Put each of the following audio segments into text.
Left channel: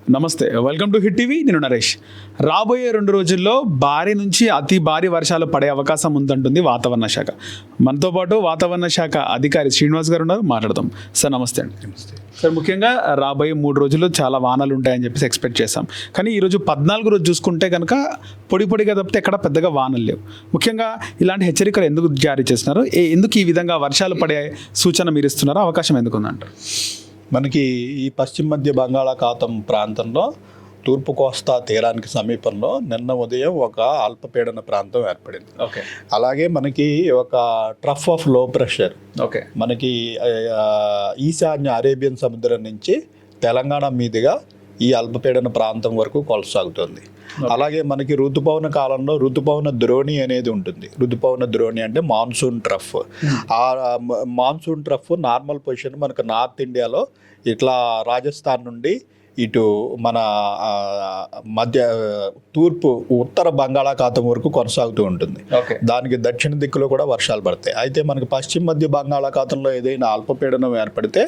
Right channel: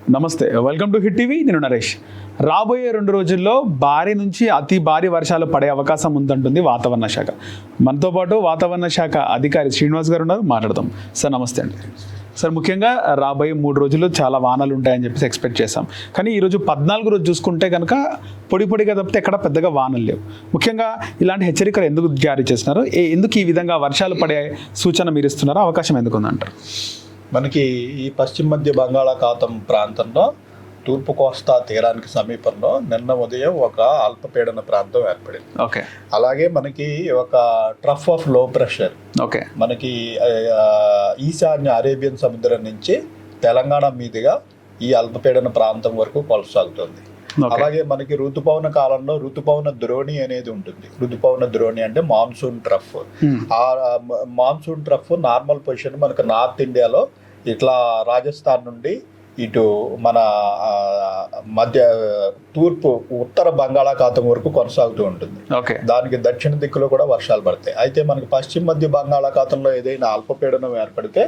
నమస్తే, welcome to hit TV. నేను నరేష్. రాబోయే 2 రోజుల్లో భారీ నుంచి అతి భారీ వర్షాలు పడే అవకాశం ఉందంటుంది వాతావరణ శాఖ. మనతో పాటు వాతావరణ శాఖ అధికారి శ్రీనివాస్ గారు ఉన్నారు, మాట్లాడదాం. సార్ నమస్తే అండి. సార్, ముఖ్యంగా రాబోయే 3 రోజుల్లో చాలా వానలు ఉంటాయని చెప్పేసి ఎక్స్పెక్ట్ చేస్తాం. కానీ ఈరోజు 14 రోజు చూసుకుంటే కనుక పొడిగా తప్పితే ఎక్కడ పెద్దగా వానలు లేవు. ముఖ్యంగా ఇలాంటి హెచ్చరికలు ఎందుకు జారీ చేస్తున్నారు? ఎందుకు ఈ విధంగా వర్షాలు పడే సూచన మీరు ఇస్తున్నారో, అవకాశం ఎందుకు ఉందంటారు? మనకి ఈ పశ్చిమ మధ్య బంగాళాఖాతం ప్రాంతంలో తూర్పు కోస్తా తీరానికి సమీపంలో నిన్న ఉదయం ఒక అల్పపీడన ప్రాంతం ఏర్పడింది. ఓకే. అలాగే మనకి ఒక ట్రఫ్ ఆఫ్ లో ప్రెషర్ ఓకే మనకి ఈశాన్య అరేబియన్ సముద్రం నుంచి తెలంగాణ మీదుగా ఈ అల్పపీడన ప్రాంతం వరకు కొనసాగుతుంది. అలాగే మనకి ఋతుపవన కాలంలో ఋతుపవన ద్రోణి అనేది ఉంటుంది. ఋతుపవన ద్రోణి అంటే మాన్సూన్ ట్రఫ్. ఆ మాన్సూన్ ట్రఫ్ నార్మల్ పొజిషన్ మనకు నార్త్ ఇండియాలో ఇట్లా రాజస్థాన్ నుండి ఇటు మన తూర్పు ఉత్తర బంగాళాఖాతం వరకు కొనసాగుతూ ఉంటుంది. దానికి దక్షిణ దిక్కులో కూడా వర్షాలు పడతాయి. అయితే మనకి పశ్చిమ మధ్య బంగాళాఖాతంలో ఏదైనా అల్పపీడనం ఏర్పడితే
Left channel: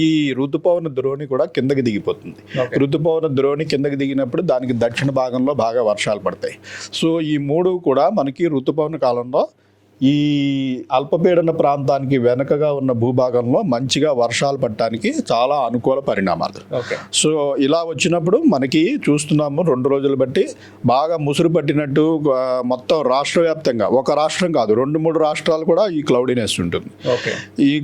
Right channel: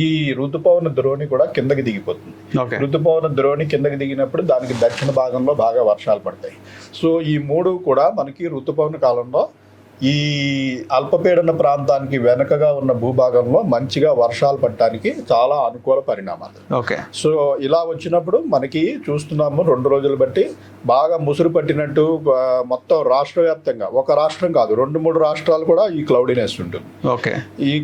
ఈ ఋతుపవన ద్రోణి కూడా కిందకి దిగిపోతుంది. ఋతుపవన ద్రోణి కిందకి దిగినప్పుడు దానికి దక్షిణ భాగంలో బాగా వర్షాలు పడతాయి. సో ఈ 3 కూడా మనకి ఋతుపవన కాలంలో ఈ అల్పపీడన ప్రాంతానికి వెనకగా ఉన్న భూభాగంలో మంచిగా వర్షాలు పడటానికి చాలా అనుకూల పరిణామాలు. సో ఇలా వచ్చినప్పుడు మనకి చూస్తున్నాము 2 రోజులు బట్టి బాగా ముసురు పట్టినట్టు మొత్తం రాష్ట్ర వ్యాప్తంగా, ఒక రాష్ట్రం కాదు 2-3 రాష్ట్రాలు కూడా ఈ క్లౌడీనెస్ ఉంటుంది. ఈ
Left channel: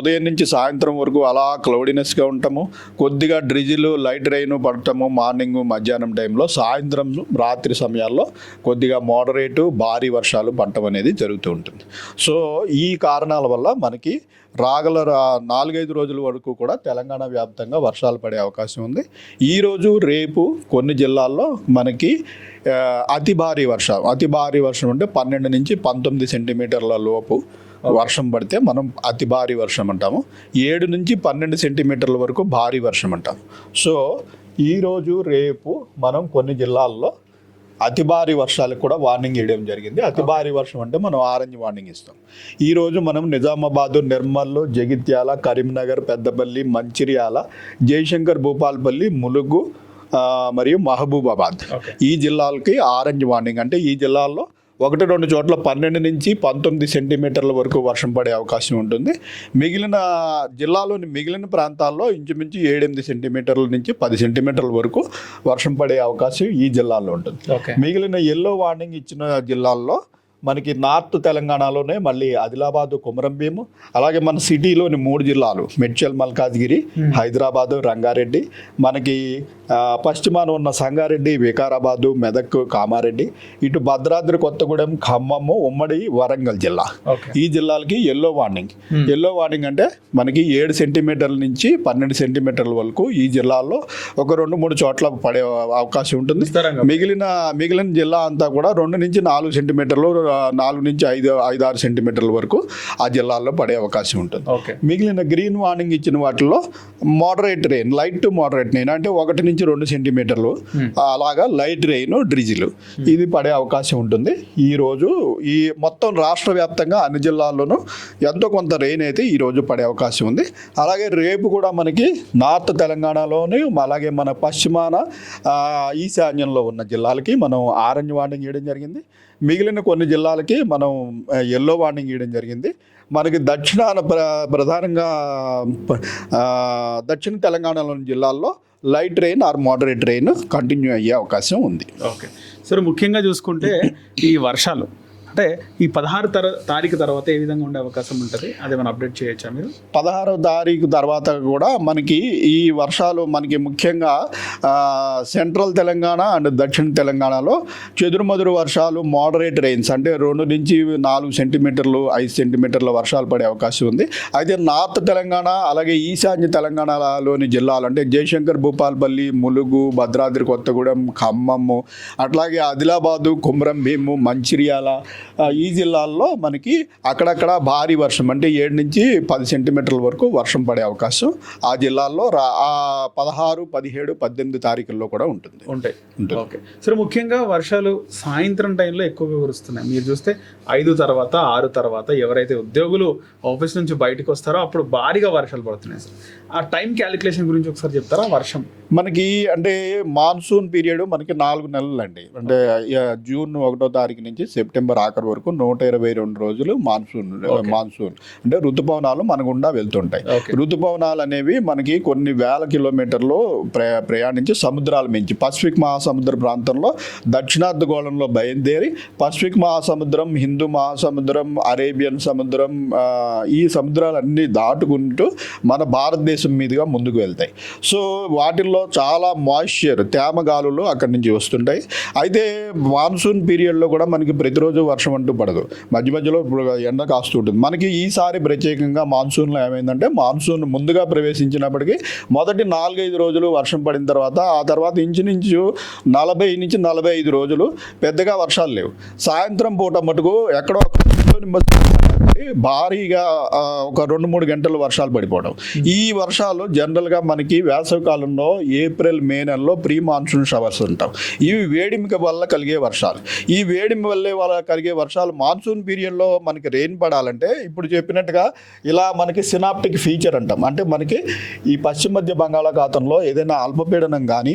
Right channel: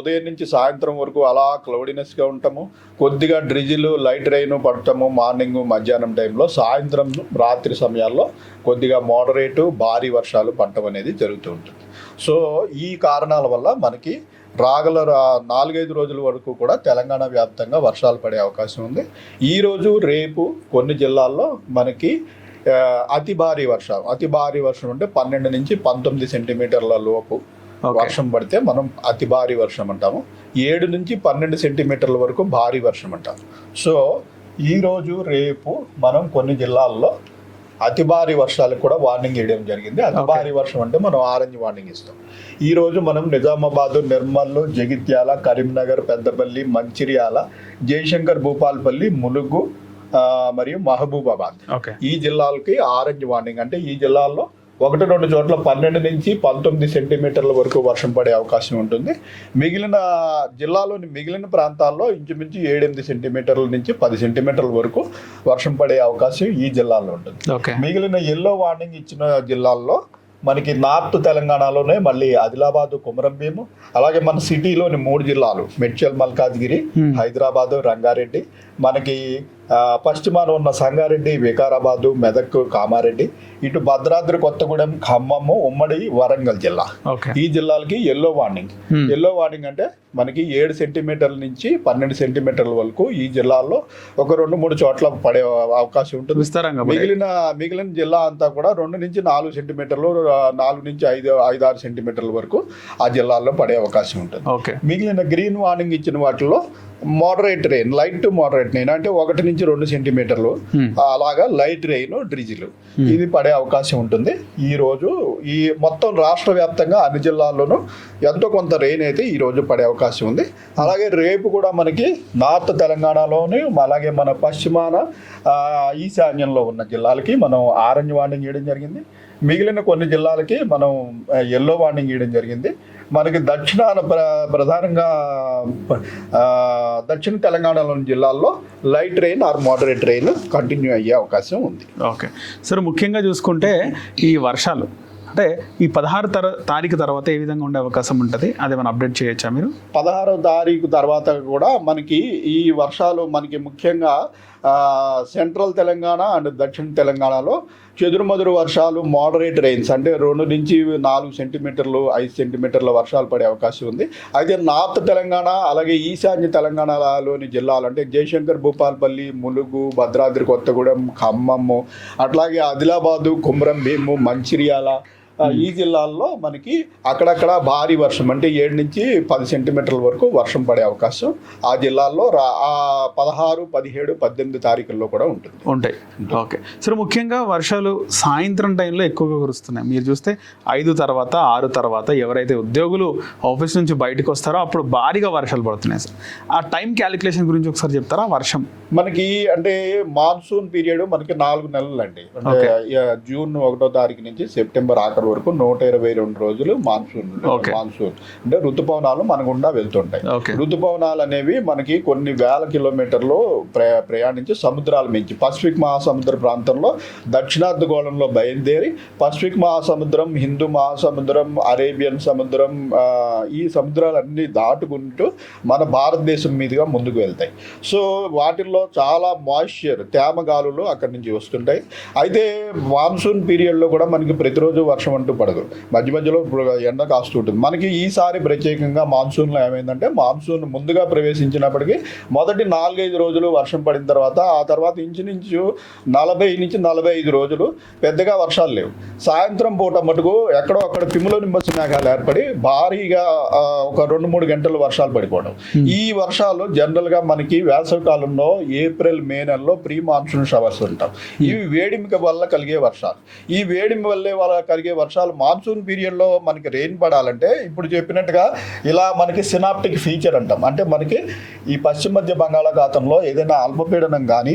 ఉదయం నుంచి సాయంత్రం వరకు అలా క్లౌడీనెస్గా ఉంటాము. కొద్దిగా డ్రిజిల్ లైట్ రైన్ పడటము మార్నింగ్ మధ్యాహ్నం టైంలో, సాయంత్రం రాత్రి సమయాల్లో కొద్దిగా మోడరేటు భారీ వర్షాలు పడటం అనేది జరుగుతూ ఉంటుంది. సో ఈ కారణాల వల్ల మనకి రాగల 4-5 రోజుల వరకు కూడా తెలంగాణ వ్యాప్తంగా వర్షాలు పడే అవకాశం ఉంది. ఈరోజు రేపు కొన్ని జిల్లాల్లో మనకి అతి భారీ వర్షం అంటే 12 నుంచి 19 సెంటీమీటర్ల లోపు వర్షం పడితే మనం అతి భారీ వర్షం అంటాము. 7 నుంచి 12 సెంటీమీటర్ల వరకు భారీ వర్షం అంటాము. సో ఈరోజు రేపు మనం కొన్ని జిల్లాల్లో అతి భారీ వర్షాలకు కూడా వార్నింగ్ ఇవ్వడం జరిగింది. అతి భారీ వర్షం అంటే మనం ఆరెంజ్ వార్నింగ్ ఇస్తాం. ఈరోజు మనం నిజామాబాద్, నిర్మల్, జగిత్యాల, కరీంనగర్, పెద్దపల్లి, మంచిర్యాల, జయశంకర్ భూపాల్పల్లి, ములుగు మరియు మహబూబాబాద్ ఈ జిల్లాలకి ఆరెంజ్ వార్నింగ్. అంటే ఈ జిల్లాల్లో 1-2 చోట్ల 12 నుంచి 19 సెంటీమీటర్ల వరకు వర్షం పడే అవకాశం ఉంటుంది. మిగిలిన జిల్లాలోని మిగిలిన ప్రాంతాల్లో ఇంచుమించు 7-8 సెంటీమీటర్ల నుంచి 10 సెంటీమీటర్ల వరకు వర్షం పడే అవకాశం ఈ జిల్లాల్లో ఉంటుంది. మిగిలిన ఎల్లో వార్నింగ్ ఇచ్చిన జిల్లాల్లో మనకి నార్త్ తెలంగాణలోనే మళ్ళీ ఆదిలాబాదు, కొమరంభీము, అలాగే మన సిటీలోని 3 జిల్లాలు మేడ్చల్, మల్కాజ్గిరి, హైదరాబాదు, రంగారెడ్డి, మనకి పశ్చిమాన ఉన్న సంగారెడ్డి, వికారాబాదు, మెదక్, కామారెడ్డి, ఇటు భద్రాద్రి కొత్తగూడెం, ఖమ్మము, ఉమ్మడి వరంగల్ జిల్లా ఈ జిల్లాలకి ఎల్లో వార్నింగ్. ఎల్లో వార్నింగ్ అంటే మనకి 7 సెంటీమీటర్ల నుంచి 12 సెంటీమీటర్ల వరకు ఈ జిల్లాల్లో ఒక 2-3 చోట్ల పడే అవకాశం ఉంటుంది. మిగిలిన జిల్లా అంతా కూడా 2 నుంచి 4 సెంటీమీటర్లు, 4 నుంచి 5-6 సెంటీమీటర్ల వరకు ఆ జిల్లాల్లో పడే అవకాశం ఉంటుంది. మిగిలిన గ్రీన్ వార్నింగ్ ఇచ్చిన వాటిల్లో moderate rain, light to moderate rain అంటే 1 నుంచి 2 సెంటీమీటర్లు అలాగా లైట్ రెయిన్, డ్రిజిల్ ఇది పడే అవకాశం ఉంటుంది. ఈ రోజు ఈ మొత్తం రాష్ట్ర వ్యాప్తంగా అన్ని జిల్లాల్లోనూ ఎంతో కొంత రెయిన్ అయితే ఈ రోజు పడే అవకాశం ఉంది. అలాగే రేపు కూడా మనకి నార్త్ తెలంగాణలోని, అలాగే మన పశ్చిమాన ఈశాన్యంలో ఉన్న జిల్లాలకి మనం ఆరెంజ్ వార్నింగ్ ఇవ్వడం జరిగింది. మిగిలిన కొన్ని జిల్లాలకి మనం ఎల్లో వార్నింగ్ ఇవ్వడం జరిగింది. మనకి దక్షిణాన ప్రధానంగా దక్షిణ తెలంగాణలోని జిల్లాల్లో light rain are moderate rain continue అయ్యే అవకాశం ఉంది. ఓకే సార్, ముఖ్యంగా చూసుకుంటే ఈ వర్షాలు అంటే ఈ 16వ తారీఖు తర్వాత ఏ విధంగా ఉండే అవకాశం ఉంటుంది, అది మనం అప్డేట్ చేయొచ్చా మీరు? 16వ తారీఖు తర్వాత కూడా మనకి ఈ వర్షాలు మనకి ముఖ్యంగా సెంట్రల్ తెలంగాణ అండ్ దక్షిణ తెలంగాణలో చెదురుమదురు వర్షాలు, మోడరేట్ రెయిన్స్ అంటే 2 నుంచి 4 సెంటీమీటర్లు, 5 సెంటీమీటర్ల వర్షాలు పడే అవకాశం ఉంది. అయితే నార్త్ తెలంగాణ అలాగే ఈశాన్య తెలంగాణలోని జిల్లాలు అంటే జయశంకర్ భూపాల్పల్లి, ములుగు, భద్రాద్రి కొత్తగూడెం, ఖమ్మము, అట్లాగే ఆదిలాబాదు, కొమరంభీము, మంచిర్యాల, ఈ జిల్లాల్లో మనకి అక్కడక్కడ భారీ వర్షం అంటే 7 నుంచి 10 సెంటీమీటర్ల వరకు వర్షం పడే అవకాశం ఆ జిల్లాల్లో 16, 17, 18 తారీఖుల్లో కూడా ఉంటాయి. ఓకే సార్, ముఖ్యంగా వర్షాలు సాయంత్రం టైంలో ఎక్కువగా కురుస్తున్నాయి. మీరు చూస్తే 5 తర్వాత 6 తర్వాత ఎవరైతే ఉద్యోగులు ఆఫీస్ నుంచి బయటకు వస్తారో అప్పుడు భారీగా వర్షాలు పడుతున్నాయి సార్. ఆ టైం క్యాలిక్యులేషన్ గురించి ఒకసారి చెప్తారా? వర్షం మనకి అంటే మాన్సూన్ పీరియడ్ మనకి 4 నెలలు అండి. అంటే జూన్ 1వ తారీఖు నుంచి సెప్టెంబర్ ఆఖరి వరకు 122 రోజులు మాన్సూన్ అంటే ఋతుపవనాలు మన గుండా వెళ్తుంటాయి. ఋతుపవనాలు అనేవి మనకి కొన్ని వేల కిలోమీటర్లు ప్రయాణించి సముద్రాల మించి పసిఫిక్ మహాసముద్ర ప్రాంతంలో దక్షిణార్ధగోళంలో బయలుదేరి పసిఫిక్ మహాసముద్రం, హిందూ మహాసముద్రం, అరేబియన్ సముద్రం, ఈ సముద్రాలన్నీ దాటుకుంటూ మన భారతదేశం మీదుగా ముందుకు వెళ్తాయి. సో వాటిల్లో చాలా మాయిశ్చర్ తేమ గాలులు అక్కడి నుంచి వస్తుంటాయి. అయితే మాన్సూన్ పీరియడ్లో కూడా మనకి ప్రతిరోజు వర్షం అంటూ పడదు, మధ్య మధ్యలో ఎండ కాస్తుంటుంది. మనకి ఈసారి ప్రత్యేకంగా మాన్సూన్లో ఏమైందంటే మాన్సూన్ ముందుగా ప్రవేశించినప్పటికీ మొదటి 4-5 రోజులు వర్షం పడిన తర్వాత ఆ తర్వాత ఇంచుమించు 40 నుంచి 45 రోజులు పెద్దగా వర్షాలు లేవు. సాయంత్రం పూట మటుకు ఎక్కడో అక్కడ క్యుములోనింబస్ మేఘాలు ఏర్పడి భారీగా ఒక 2-3 గంటలు వర్షాలు పడిపోవడం. ఈ వర్షాలు జనరల్గా మనకి వేసవి కాలంలో ఏప్రిల్, మే నెలలో ప్రీ మాన్సూన్ షవర్స్ ఉంటాం. ఇవి వేడిమి వల్ల కలిగే వర్షాలు. ఈ వేడిమి వల్ల కలిగే వర్షాలు మాన్సూన్ పీరియడ్లో మనకి రెయిన్ పడాలంటే ఇప్పుడు చెప్పినట్టుగా ఇలా మనకి సినాప్టిక్ ఫీచర్ అంటాం. అంటే మనకి ఈ పశ్చిమ మధ్య బంగాళాఖాతంలో ఏదైనా అల్పపీడనం కానీ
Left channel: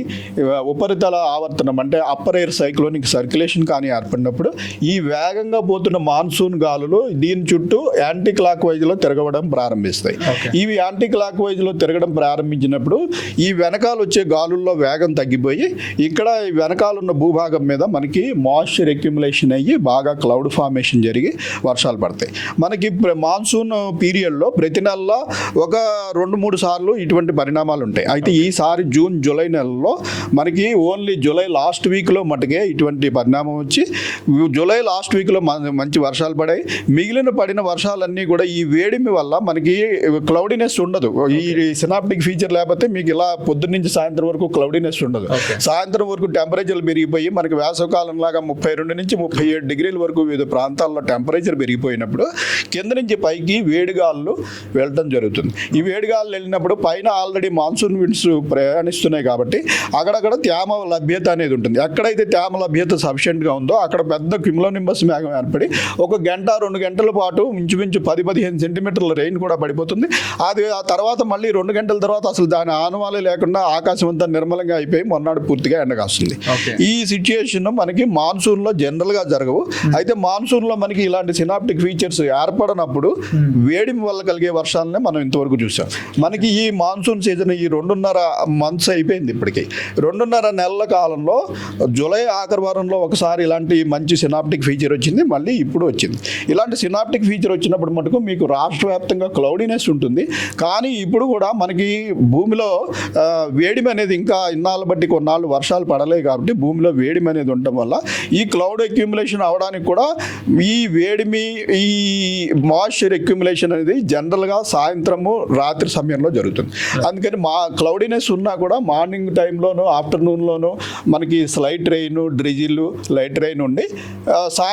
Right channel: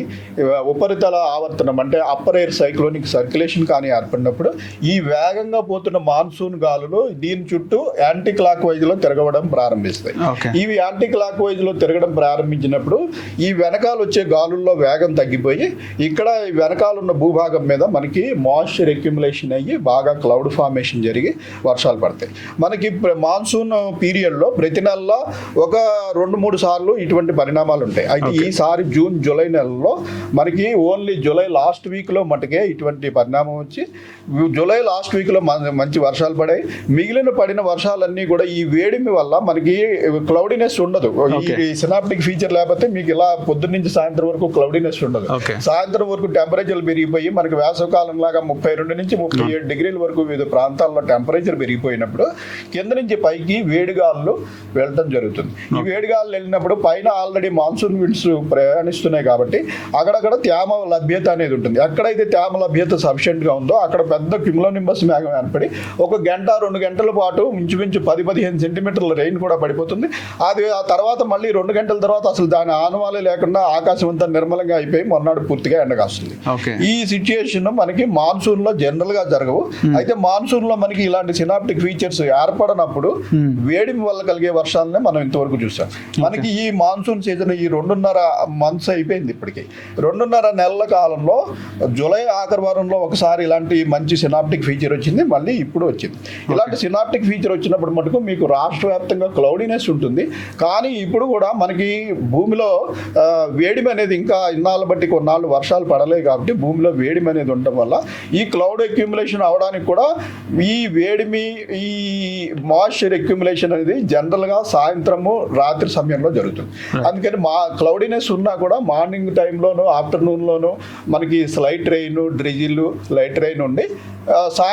ఉపరితల ఆవర్తనం అంటే అప్పర్ ఎయిర్ సైక్లోనిక్ సర్క్యులేషన్ కానీ ఏర్పడినప్పుడు ఈ వేగంగా పోతున్న మాన్సూన్ గాలులు దీని చుట్టూ యాంటీ క్లాక్ వైజ్లో తిరగడం ప్రారంభిస్తాయి. ఇవి యాంటీ క్లాక్ వైజ్లో తిరగడం ప్రారంభించినప్పుడు ఈ వెనకాల వచ్చే గాలుల్లో వేగం తగ్గిపోయి ఇక్కడ వెనకాల ఉన్న భూభాగం మీద మనకి మాయిశ్చర్ అక్యుములేషన్ అయ్యి బాగా క్లౌడ్ ఫార్మేషన్ జరిగి వర్షాలు పడతాయి. మనకి మాన్సూన్ పీరియడ్లో ప్రతి నెలలో ఒక 2-3 సార్లు ఇటువంటి పరిణామాలు ఉంటాయి. అయితే ఈసారి జూన్, జూలై నెలలో మనకి ఓన్లీ జూలై లాస్ట్ వీక్లో మటుకే ఇటువంటి పరిణామం వచ్చి జూలై లాస్ట్ వీక్లో మంచి వర్షాలు పడాయి. మిగిలిన పడిన వర్షాలన్నీ కూడా ఈ వేడిమి వల్ల మనకి క్లౌడీనెస్ ఉండదు. ఈ సినాప్టిక్ ఫీచర్ లేకపోతే మీకు ఇలా పొద్దున్న నుంచి సాయంత్రం వరకు క్లౌడీనెస్ ఉండదు. సాయంత్రం వరకు టెంపరేచర్లు పెరిగిపోయి మనకి వేసవకాలం లాగా 32 నుంచి 37 డిగ్రీల వరకు వివిధ ప్రాంతాల్లో టెంపరేచర్ పెరిగిపోయినప్పుడు కింద నుంచి పైకి వేడిగాలు వెళ్ళడం జరుగుతుంది. ఈ వేడిగాలు వెళ్ళినప్పుడు పైన ఆల్రెడీ మాన్సూన్ విండ్స్ ప్రయాణిస్తున్నాయి కాబట్టి అక్కడక్కడ తేమ లభ్యత అనేది ఉంటుంది. ఎక్కడైతే తేమ లభ్యత సఫిషియెంట్గా ఉందో అక్కడ పెద్ద క్యుములోనింబస్ మేఘం ఏర్పడి 1 గంట 2 గంటల పాటు ఇంచుమించు 10-15 సెంటీమీటర్ల రెయిన్ కూడా పడిపోతుంది. అది ఆ తర్వాత మళ్ళీ 2 గంటల తర్వాత అసలు దాని ఆనవాలే లేకుండా ఆకాశం అంతా నిర్మలంగా అయిపోయి మొన్నాడు పూర్తిగా ఎండకాస్తుంది. ఈ సిచ్యుయేషన్ మనకి మాన్సూన్ లో జనరల్ గా జరగవు. అయితే మాన్సూన్ లో మనకి ఇలాంటి సినాప్టిక్ ఫీచర్స్ ఏర్పడినప్పుడు వేడిమి వల్ల కలిగే వర్షాలనే మనం ఇంతవరకు చూసాం. మనకి ఈ మాన్సూన్ సీజన్ ఈ 2.5 మంత్స్ అయిపోయింది. ఇప్పటికి 2.5 నెలల కాలంలో జూలై ఆఖరి వారంలో ఒకసారి ఇలాంటి మంచి సినాప్టిక్ ఫీచర్ వచ్చింది, మళ్ళీ ఇప్పుడు వచ్చింది. ఇలాంటి సినాప్టిక్ ఫీచర్ వచ్చినప్పుడు మటుకు మీకు రాష్ట్ర వ్యాప్తంగా క్లౌడీనెస్ ఉంటుంది. కానీ ఇప్పుడు కూడా మనకి భూమిలో వేడిమి అనేది ఇంకా ఇన్నాళ్ళు బట్టి కొన్నాళ్ళు వర్షాలు పడలేదు కాబట్టి భూమిలో వేడిమి అనేది ఉండటం వల్ల ఈ క్లౌడ్ అక్యుములేషన్ అవడానికి కూడా ఈ వేడిమి, ఈ మాయిశ్చర్ అక్యుములేషన్ అనేది జనరల్గా సాయంత్రము రాత్రి సమయంలో జరుగుతుంది. అందుకని క్లౌడీనెస్ ఉన్నా కూడా మార్నింగ్ టైంలోను ఆఫ్టర్నూన్లోను మనకి slight rain, drizzle, light rain ఉండి